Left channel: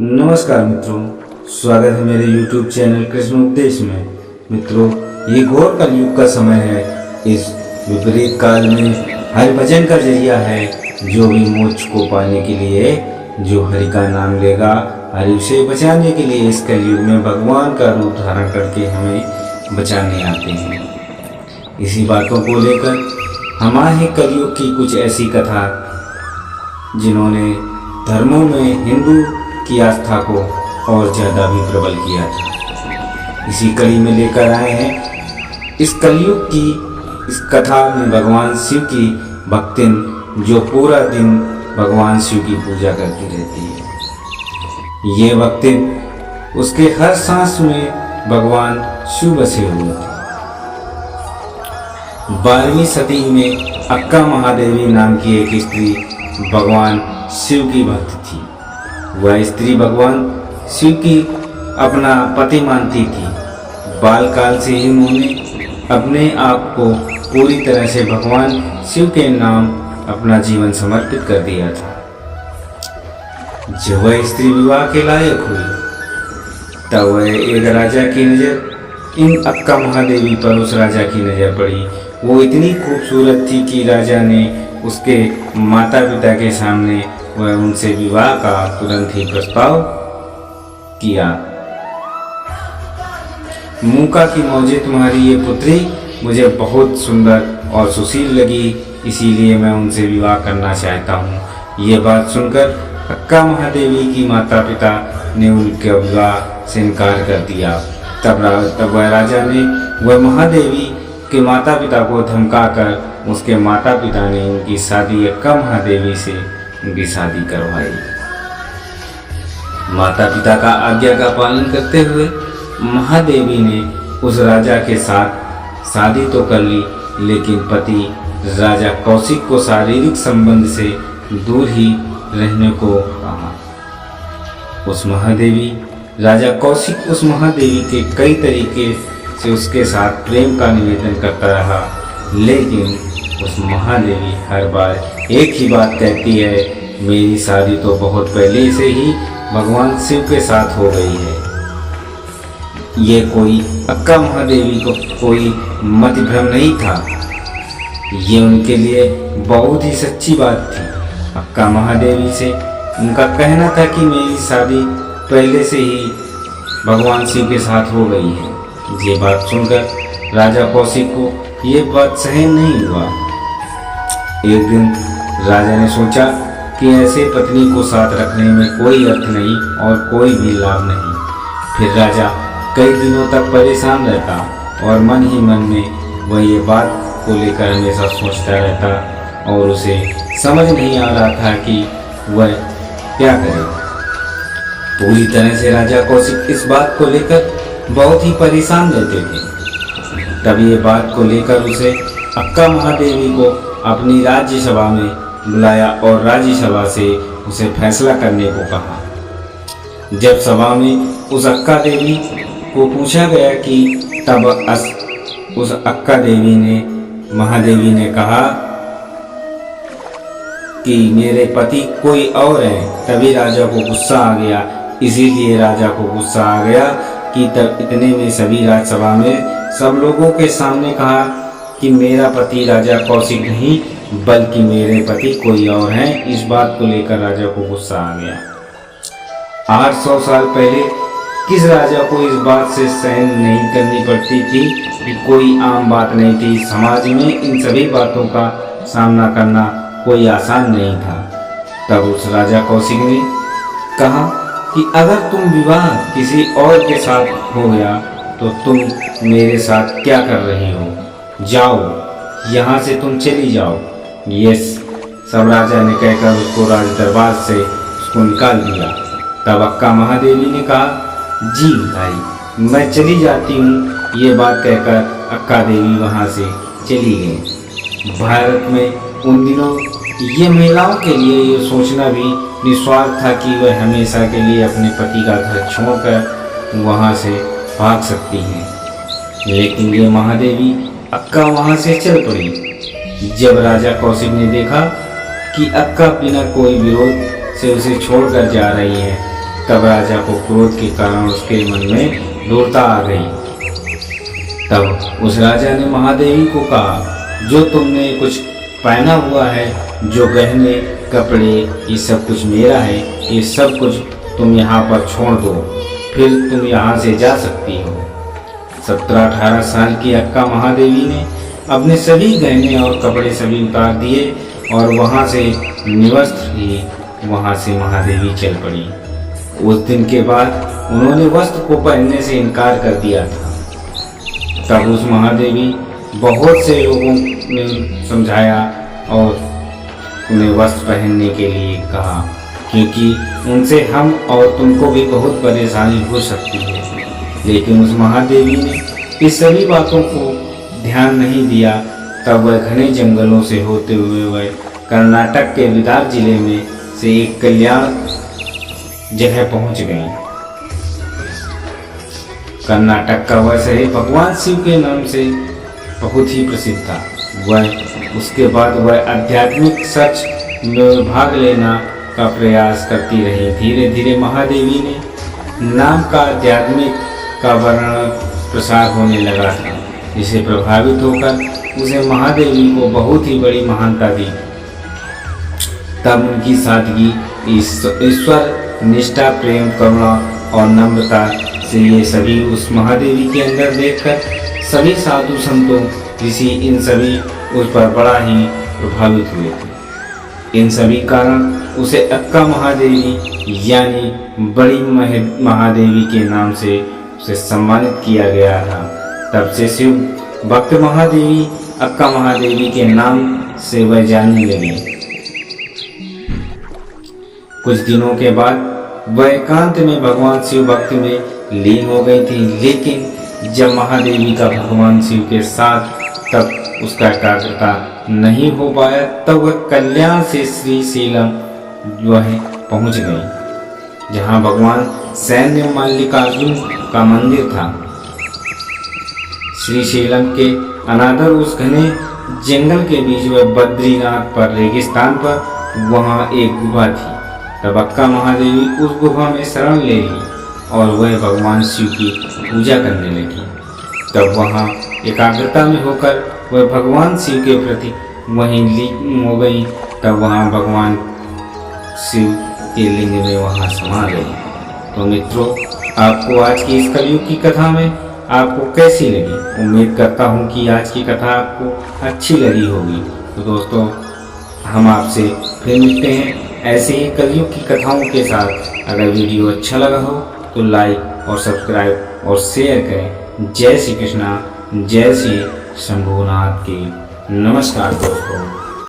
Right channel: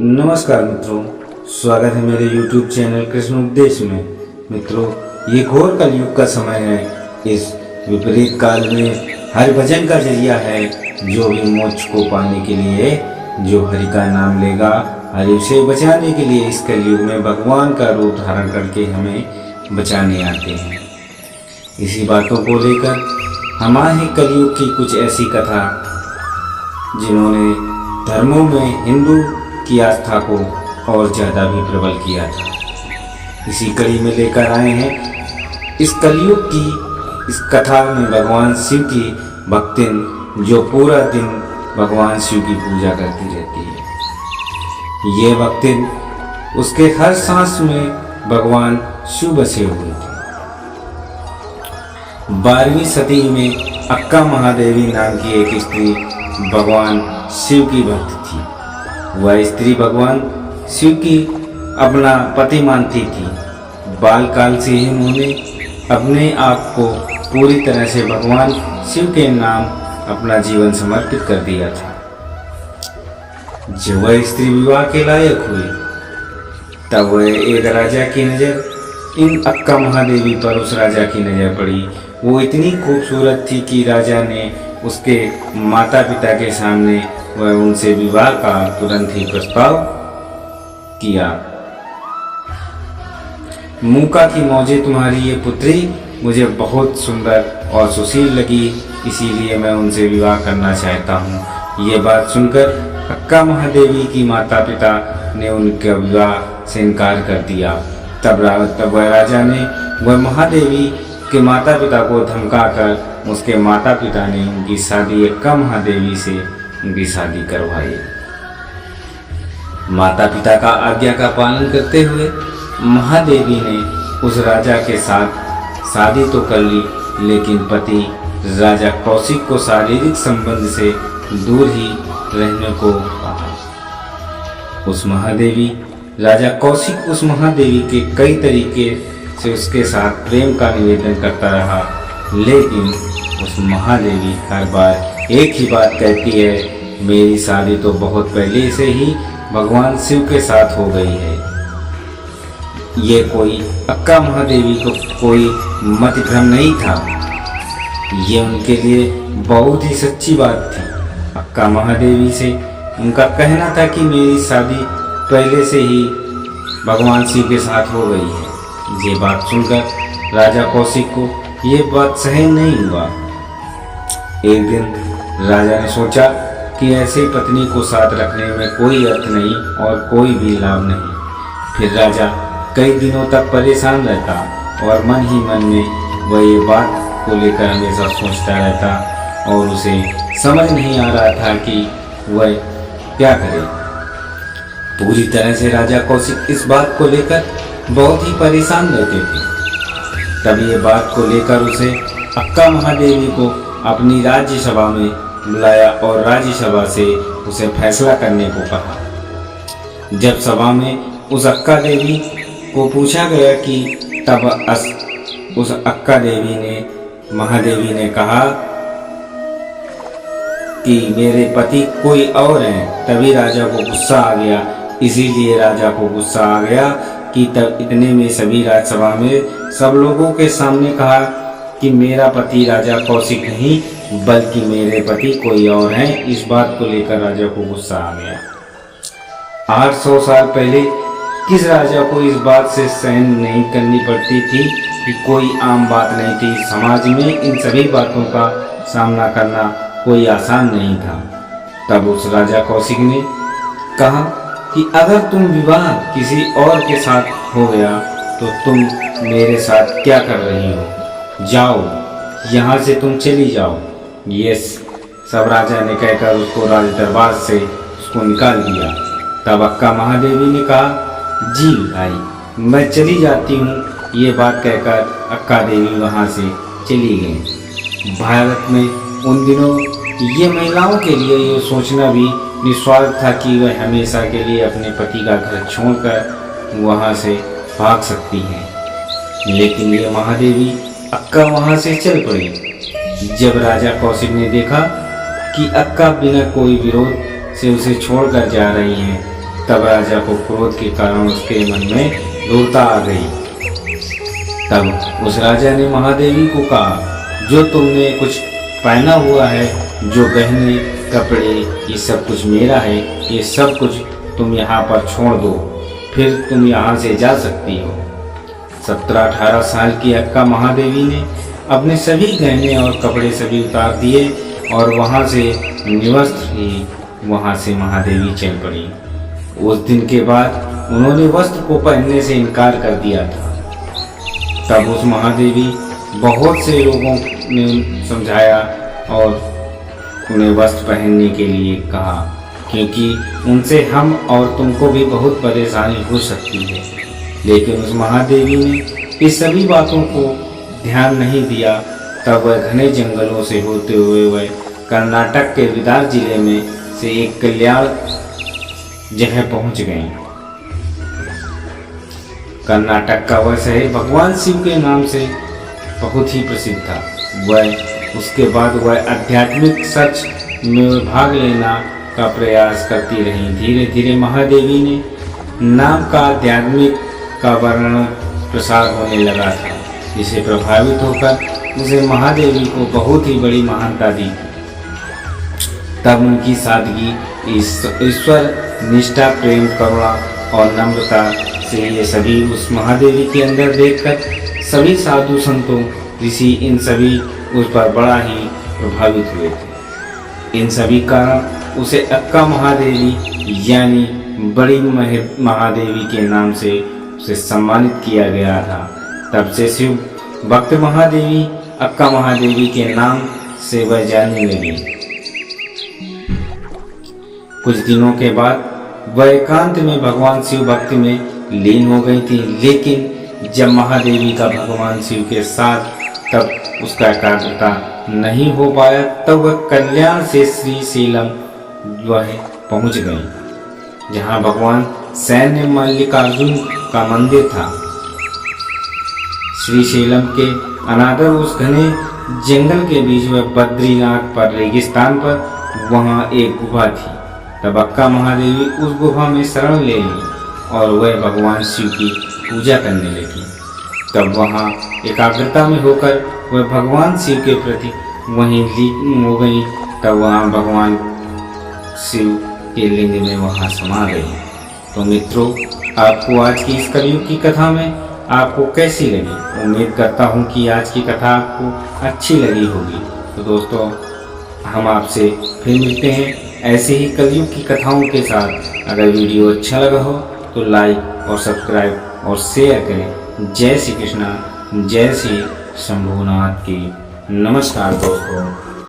नमस्कार मित्रों, स्वागत है मेरे YouTube चैनल कृष्ण उपदेश में। मित्रों, ये घोर कलयुग का समय है। इस विपरीत काल में हरि भजन का जरिया है। जो भी मोक्ष को पाने के लिए जो हरि का नाम लेगा, हरि उसे बचाने के लिए इस कलयुग में भगवान का रूप धारण करके हमें बचाने आते हैं। इसी बातों को लेकर हम आए हैं कलयुग की कुछ ऐसी कथा जिन्होंने धर्मों में हिंदू की आस्था को और ज़्यादा भी प्रबल किया था। इसी कड़ी में लेकर आए हैं इस कलयुग की इस कथा में भगवान शिव की भक्तिन जो पूरा दिन भगवान शिव की पूजा करती रहती है। ये भक्तिन उसके हर सांस में भगवान शिव बसे हुए थे। 12वीं सदी में अक्का महादेवी नाम की एक स्त्री भगवान शिव की भक्त थी। वह स्त्री भगवान शिव की अपना पति मानती थी। बालकाल से ही उन्होंने अपने आप को पूरी तरह से भगवान शिव के नाम अपना जीवन समर्पित कर दिया था। जब वह स्त्री विवाह के लायक हुई तब वह एक राजा की नज़र इन अक्का महादेवी पर उस राजा की नज़र पड़ी। वो इतनी खूबसूरत थी कि राजा ने उसके माता पिता के सामने वह उनसे विवाह का तुरंत ही प्रस्ताव किया। मूका की मौजे तुम्हारी ये पुत्री मुझे बहुत सुंदर और सुशील लगी, इसीलिए मैं उनसे विवाह करना चाहता हूँ। ये बात सुनकर अक्का महादेवी की माता पिता ने उनके विवाह से इनकार कर दिया। तब वह राजा ने वह महादेवी के माता पिता को धमकाकर उसके माता पिता ने उनकी शादी अक्का महादेवी से उनकी शादी करवाई। माता पिता का आज्ञा का पालन करते हुए महादेवी ने उस राजा के साथ शादी तो कर ली, लेकिन पति राजा कौशिक को शारीरिक संबंध से दूर ही रहने को कहा। राजा कौशिक उस महादेवी के कई तरीके से उसके साथ प्रेम का निवेदन करता रहा, लेकिन उस महादेवी हर बार एक ही बात कहती है, मेरी शादी तो बहुत पहले से ही भगवान शिव के साथ हो गई है। ये कोई अक्का महादेवी को कोई मतभ्रम नहीं था, ये उनके लिए बहुत ही सच्ची बात थी। अक्का महादेवी से उनका कहना था कि मेरी शादी पहले से ही भगवान शिव के साथ हो गई है। ये बात सुनकर राजा कौशिक को ये बात सहन नहीं हुआ। एक दिन राजा ने सोचा कि ऐसे पत्नी को साथ रखने में कोई अर्थ नहीं और कोई भी लाभ नहीं। फिर राजा कई दिनों तक परेशान रहता और मन ही मन में वह ये बात को लेकर हमेशा सोचता रहता और उसे समझ नहीं आ रहा था कि वह क्या करे। पूरी तरह से राजा कौशिक इस बात को लेकर बहुत ही परेशान रहते थे। तब ये बात को लेकर उसे अक्का महादेवी को अपनी राज्यसभा में बुलाया और राज्यसभा से उसे फैसला करने को कहा। जब सभा में उस अक्का देवी को पूछा गया कि तब उस अक्का देवी ने महादेवी ने कहा कि मेरे पति कोई और हैं। तभी राजा को गुस्सा आ गया। इसीलिए राजा को गुस्सा आ गया कि तब इतने में सभी राज्यसभा में सब लोगों के सामने कहा कि मेरा पति राजा कौशिक नहीं बल्कि मेरे पति कोई और हैं। इस बात को लेकर राजा को गुस्सा आ गया। 800 साल पहले किस राजा को इस बात से सहन नहीं करनी पड़ती थी कि कोई आम बात नहीं थी। समाज में इन सभी बातों का सामना करना कोई आसान नहीं था। तब उस राजा कौशिक ने कहा कि अगर तुम विवाह किसी और के साथ हो गया तो तुम मेरे साथ क्या कर रही हो, जाओ यहाँ से तुम चली जाओ। यस, सब राजा ने कहकर उसको राज दरबार से उसको निकाल दिया। तब अक्का महादेवी ने कहा, जी भाई मैं चली जाती हूँ। ये बात कहकर अक्का देवी वहाँ से चली गई। भारत में उन दिनों ये महिलाओं के लिए ये सोचना भी निस्वार्थ था कि वह हमेशा के लिए अपने पति का घर छोड़कर वहाँ से भाग सकती हैं। लेकिन ये महादेवी अक्का वहाँ से चल पड़ी। जब राजा कौशिक ने देखा कि अक्का बिना कोई विरोध से उसे छोड़कर जा रही हैं, तब राजा को क्रोध के कारण उसके मन में दूरता आ गई। तब उस राजा ने महादेवी को कहा, जो तुमने कुछ पहना हुआ है, जो गहने कपड़े, ये सब कुछ मेरा है, ये सब कुछ तुम यहाँ पर छोड़ दो, फिर तुम यहाँ से जा सकती हो। 17-18 साल की अक्का महादेवी ने अपने सभी गहने और कपड़े सभी उतार दिए और वहाँ से निवस्त्र ही वहाँ से महादेवी चल पड़ी। उस दिन के बाद उन्होंने वस्त्र को पहनने से इनकार कर दिया था। तब उस महादेवी बहुत से लोगों ने समझाया और उन्हें वस्त्र पहनने के लिए कहा, क्योंकि उनसे हम और तुमको भी बहुत परेशानी हो सकती है। लेकिन उस महादेवी ने इस सभी बातों को ध्यान नहीं दिया। तब वह घने जंगलों से होते हुए वह कर्नाटक के विदार जिले में से एक कल्याण जगह पहुंच गई। कर्नाटक का वह शहर भगवान शिव के नाम से बहुत ही प्रसिद्ध था। उसके बाद वह आध्यात्मिक सच में भाग लेना का प्रयास करती रही। धीरे धीरे महादेवी ने नाम का आध्यात्मिक का वर्णन प्रसार होने लगा था, जिसे प्रभावित होकर उसे महादेवी को बहुत ही बड़ी महानता दी। तब उनकी सादगी, ईश्वर निष्ठा, प्रेम, करुणा और नम्रता से ये सभी उस महादेवी के अंदर देखकर सभी साधु संतों, ऋषि, इन सभी उस पर बड़ा ही प्रभावित हुए थे। इन सभी कारण उसे अक्का महादेवी यानी बड़ी महादेवी के नाम से उसे सम्मानित किया गया था। तब से शिव भक्त महादेवी अक्का महादेवी के नाम से वह जानने लगी। कुछ दिनों के बाद वह एकांत में भगवान शिव भक्ति में लीन हो गई थी। लेकिन जब महादेवी का भगवान शिव के साथ तब उसका एकाग्रता नहीं हो पाया, तब वह कल्याण से श्रीशैलम वह पहुंच गई, जहां भगवान सैन्य मल्लिकार्जुन का मंदिर था। श्रीशैलम के अनादर उस घने जंगल के बीच वह बद्रीनाथ पर रेगिस्तान पर वहां एक गुफा थी। तब अक्का महादेवी उस गुफा में शरण ले ली और वह भगवान शिव की पूजा करने लगी। तब वहाँ एकाग्रता में होकर वह भगवान शिव के प्रति वहीं लीन हो गई। तब वहाँ भगवान शिव के लिंग में वहाँ समा गई। तो मित्रों, आपको आज की इस कलयुग की कथा में आपको कैसी लगी? उम्मीद करता हूँ कि आज की कथा आपको अच्छी लगी होगी। तो दोस्तों, हम आपसे फिर मिलते हैं ऐसे ही कलयुग की कथाओं के साथ। अगर वीडियो अच्छा लगा हो तो लाइक और सब्सक्राइब और शेयर करें। जय श्री कृष्णा, जय श्री शंभुनाथ की। नमस्कार दोस्तों।